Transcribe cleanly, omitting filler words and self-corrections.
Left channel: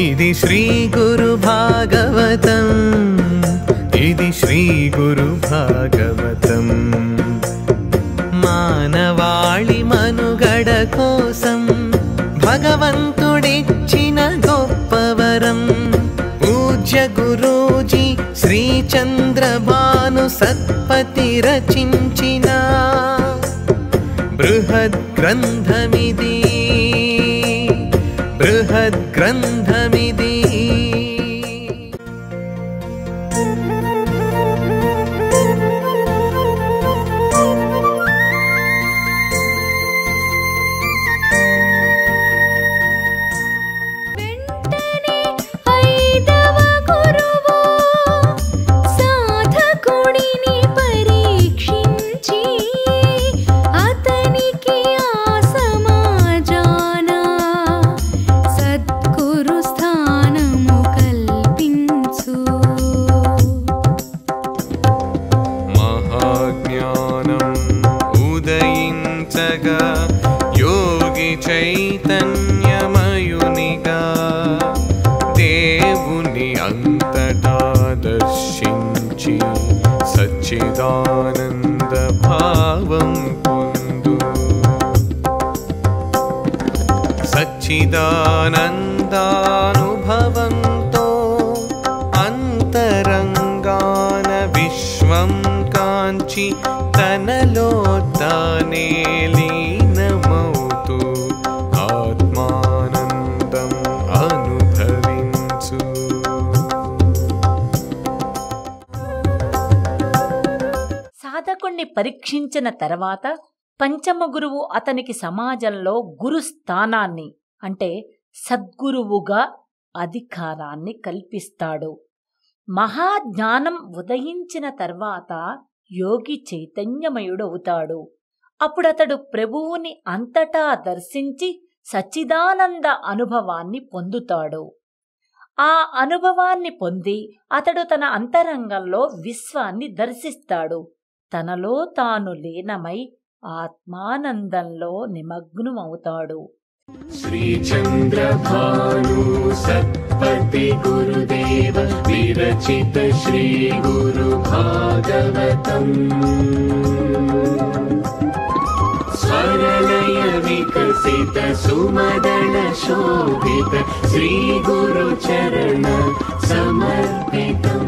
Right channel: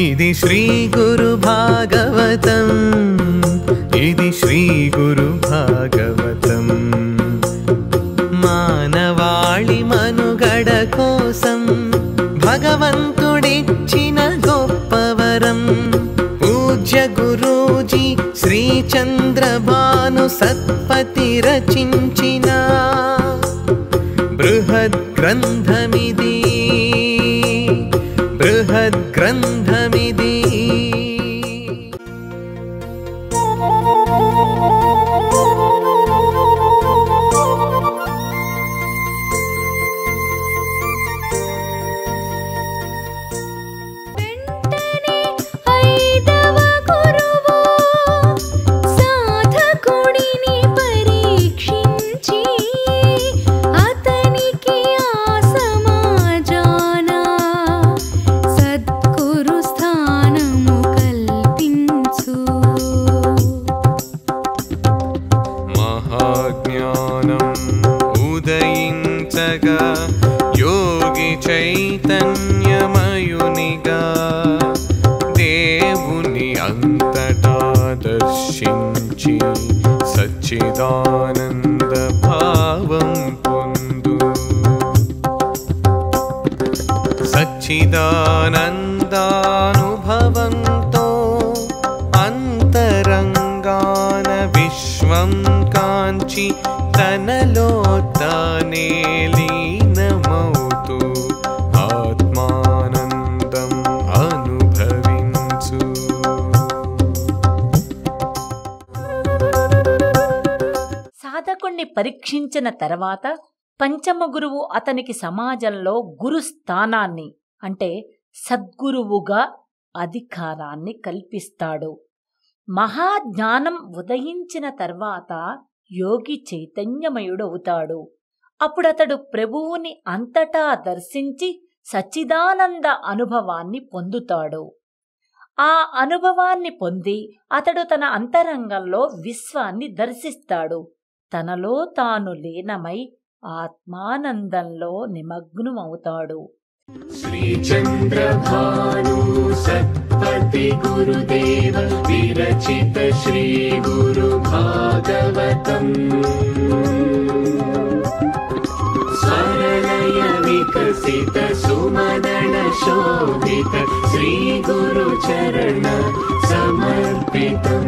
ఇది శ్రీ గురు భాగవతం, ఇది శ్రీ గురు భాగవతం. మానవాళి మనుగడ కోసం భగవంతుడిచ్చిన గొప్పవరం. పూజ్య గురూజీ శ్రీ చంద్రభాను సత్పతి రచించిన బృహద్ గ్రంథమిది, బృహద్ గ్రంథమిది. ఉదయించగా యోగి చైతన్యమయునిగా దేవుని అంతటా దర్శించి సచ్చిదానంద భావం పొందు. సచ్చిదానందానుభవంతో అంతరంగాన విశ్వం కాంచి తనలో తానే లీనమౌతూ ఆత్మానందం అనుభవించు. సాధకుణ్ణి పరీక్షించిన తర్వాత పంచమ గురువు అతనికి సమాజంలో గురు స్థానాన్ని అంటే సద్గురువుగా అధికారాన్ని కల్పిస్తాడు. మహాజ్ఞానం ఉదయించిన తర్వాత యోగి చైతన్యమయుడవుతాడు. అప్పుడతడు ప్రభువుని అంతటా దర్శించి సచ్చిదానంద అనుభవాన్ని పొందుతాడు. ఆ అనుభవాన్ని పొంది అతడు తన అంతరంగంలో విశ్వాన్ని దర్శిస్తాడు. తనలో తాను లీనమై ఆత్మానందంలో నిమగ్నమవుతాడు. శ్రీ చంద్రభాను సత్పతి గురుదేవ విరచిత శ్రీ గురు భాగవతం. స్వరలయ వికసిత సుమదన శోభిత శ్రీ గురు చరణ సమర్పితం.